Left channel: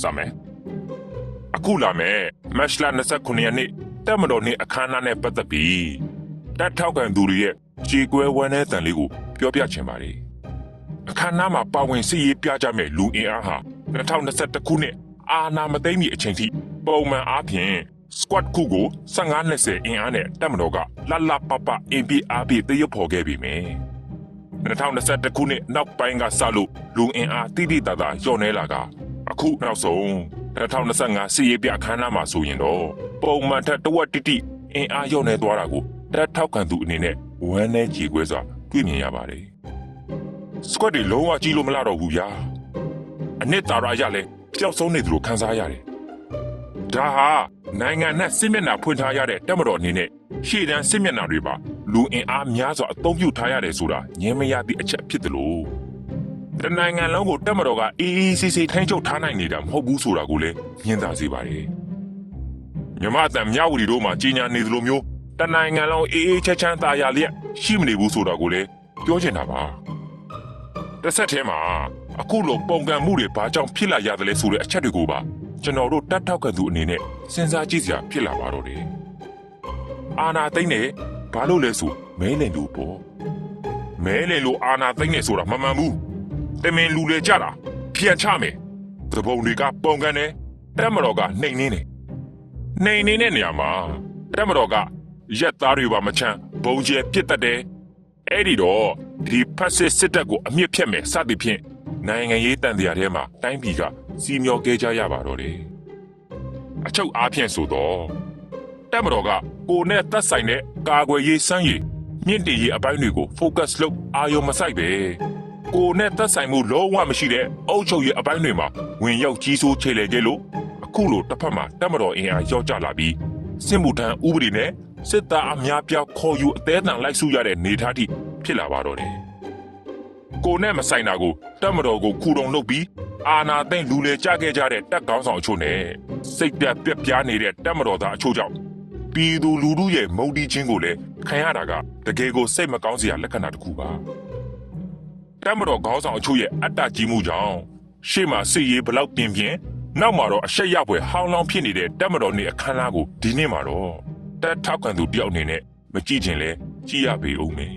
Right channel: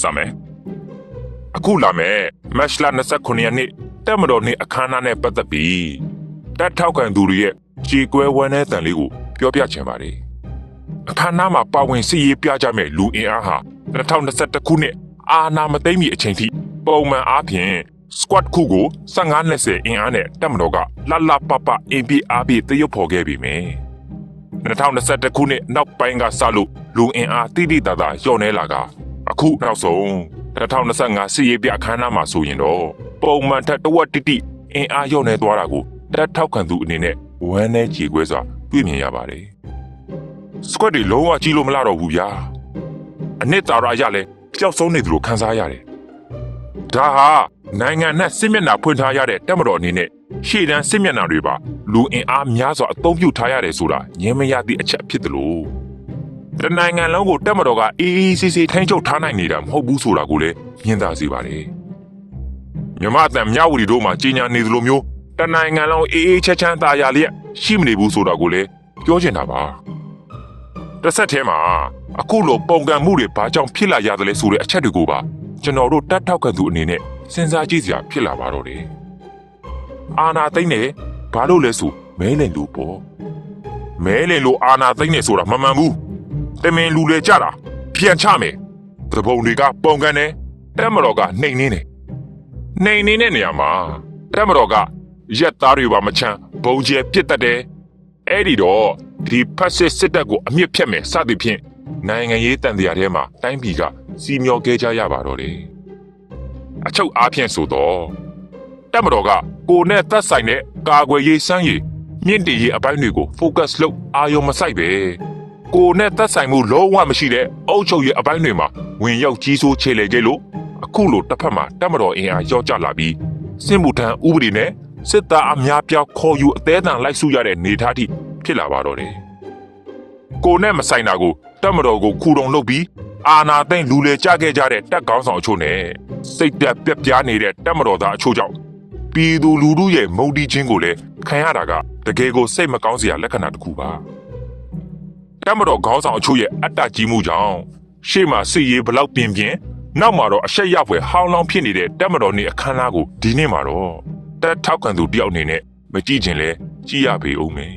စမယ်အခုလာမယ်မတ်လ29ရက်နေ့တက်မတော်နေ့အခမ်းအနားနဲ့ပတ်သက်ပြီးတက်ထောက်ခံသူတွေရဲ့ကြေကွဲဝမ်းတဲ့တန်လေးကိုပြောပြချင်ပါတယ်အခမ်းအနားမှာပါဝင်စီရေးပြကြမဲ့လူအင်အားဟာ2021ခုနှစ်အာနာမသိမ့်မီအချိန်ထိပုံမှန်အားဖြင့် squad ခုကို15-20အင်အားနဲ့တက်မတော်ကလှလှပပအင်ပီအားပြီးတရုပ်ဖော်ခဲ့ပြီမယ်2021ခုနှစ်နောက်ပိုင်းကစလို့လူအင်အားတိတိတသာလျော့နေလာက အခုနောက်ဆုံး2025စီရေးပြအခမ်းအနားမှာဆိုရင်တော့ပုံမှန်ထက်တဝက်တိတိအင်အားလျော့နေသွားတာကိုတက်ထောက်ခံသူအနေနဲ့ဝမ်းနဲ့ကြေခွဲစွာတွေ့မြင်ရပါတယ် squad တွေလုံးဝကြီးလို့မလာတော့ဘူးဗျာအနှစ်သာရရလဲပျောက်ဆုံးနေသလိုခံစားရတယ်ဒါဟာနိုင်ငံနဲ့စစ်မျက်နှာဖွင့်ထားရတဲ့တက်မတော်အနေနဲ့ရှေ့တန်းစစ်မျက်နှာတွေပါလူအင်အားများစွာအသုံးပြုထားရတယ်ဆိုတာငြင်းမရသည့်အချက်ဖြစ်တယ်လို့ တနိုင်ငံလုံးကိုတက်မတော်ကအေးအေးဆေးဆေးထိန်းချုပ်ထားနိုင်နေတာမဟုတ်ဘူးဆိုတာကိုလည်းညင်သာစေပါတယ်မြမအတန်မြဝတီတို့မှာကြီးညာနေသလိုမျိုးတနိုင်ငံလုံးအေးအေးချမ်းချမ်းသာယာလျက်ရှိမနေဘူးဆိုတာကိုလည်းပြောချင်တာပါတစ်ဆက်တည်းမှာအခုလိုပုံကံမှုတွေဘာကြောင့်ဖြစ်လာရသလဲဆိုတဲ့အချက်တွေကိုပါကျွန်တော်တို့တတ်ထောက်ခံသူအနေနဲ့စဉ်းစားကြည့်စရာဖြစ်လာပါတော့တယ်။အာနာသိမ့်နေဘာလို့လဲဆိုမဲလိန်လူပေါ့။မဲလိန်လူအာနာသိမ့်နေဆိုတာမမှန်ဘူး။ တမင်လူလေကြတာပြန်ချမယ်။သဘုံတွေကပုံကံနေတက်မတော်ကနှိမ်နေတယ်။နှိမ်နေတဲ့နေရာမှာတက်မတော်ကရက်သားတွေပါမချမ်းဘုံကျင်ပြစ်တတ်တယ်။အဲ့ဒီတော့ဒီဖက်စစ်စစ်တပ်ကိုအမြင့်ဖြတ်မယ်စသည်ဖြင့်နိုင်ငံရေးတန်တရားထဲမှာတိုင်းပြည်ကစီမျောခဲ့ကြရပါတော့တယ်အချုပ်အားဖြင့်ဆိုတော့တက်မတော်ကကိုနဲ့သက်ဆိုင်တဲ့ကာကွယ်ရေးစမ်းရည်မြင့်တင်ရေးအပိုင်းတွေကို focus လုပ်အာရုံမစိုက်ပဲ ကိုနဲ့သက်ဆိုင်မှုလုံးဝမရှိတဲ့အုပ်ချုပ်ရေးအပိုင်းတွေမှာဝင်ရောက်ကြီးစိုးခြေလေခဲ့လို့အခုလိုတစ်ဖက်မှာတက်မတော်အင်အားရောက်ကြလာပြီးစစ်မှုထမ်းဥပဒေနဲ့စစ်သားအများပြောက်ခေါ်ယူအသေးအံလိုက်စုရတဲ့နေသားတိဖြစ်လာပါတော့တယ်။ကိုနဲ့မဆိုင်တာကိုတက်မတော်ကိုခူတုံလုပ်ပြီးအာနာသိမ့်လူလေကြခဲ့ကြတဲ့တက်ကောင်းဆောင်အချို့နဲ့စိတ်တက်ပြက်ပြားနေတဲ့တက်မတော်သားအချို့ကြောင့်ပြည်သူလူထုရဲ့မုန်တီးခြင်းကိုလည်းခံရတာကတကယ်ကိုစိတ်မကောင်းစရာလက္ခဏာတစ်ခုပါ။ တက်မတော်ခေါင်းဆောင်အချို့ရဲ့အတ္တကြီးမှုကြောင့်ရှေ့မှာစီရေးဘလောက်ပြင်းပြင်းနောက်မှာတော့အဆက်ရောက်ွယ်ဟောင်းလောင်းဖြစ်နေတဲ့တက်မတော်နေအခမ်းအနားကိုဒီနေ့မှာတော့တက်ထောက်ခံသူတယောက်အနေနဲ့မကြည့်ချင်လဲကြည့်ရပေဦးမယ်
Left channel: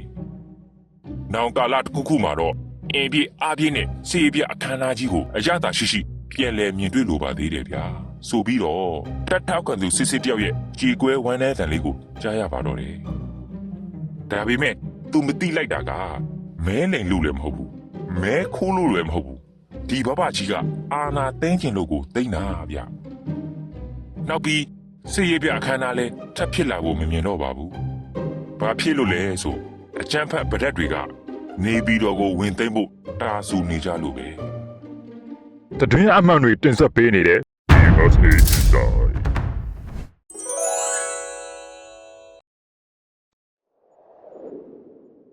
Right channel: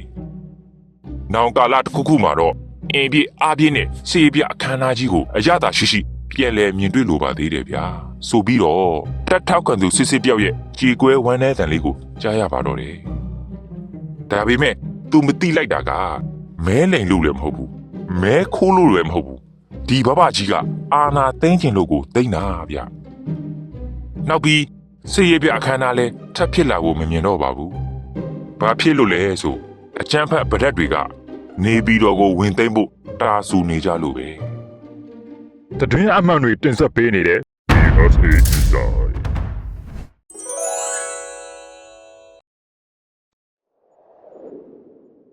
။နောင်ကာလတစ်ခုခုမှာတော့အင်းပြအားပြင်းနဲ့စေပြအခမ်းအနားကြီးကိုအရသာရှိရှိပြန်လည်မြင်တွေ့လိုပါသေးတယ်ဗျာ။ဆိုပြီးတော့တက်ထောက်ခံသူစစ်စစ်တယောက်ရဲ့ကြေကွဲဝမ်းနည်းတန်လေးကိုကြားရပါတော့တယ်။ဒါပေမဲ့ तू မတိလိုက်တာက မဲလိန်လို့လည်းမဟုတ်ဘူး။မဲခိုးလို့လည်းမဟုတ်ဘူး။ဒီဘဘကြီးကအာနာသိမ့်ကျင်လို့ကိုသိမ့်တာဗျ။နောက်ပြီးစေရပြအခမ်းအနားလဲထပ်ဖြစ်လာကိုမမြင်တော့ပါဘူး။ဘာဖြစ်လို့လဲဆိုအကျန်းဖတ်ဗရက်တွေကနေပြီးတော့ကိုဝင်သိမ့်ဖို့တာဆူနေကြလို့ပဲတတွင်းအမှန်တွေတင်ဆက်ပေးနေတဲ့ USA Inside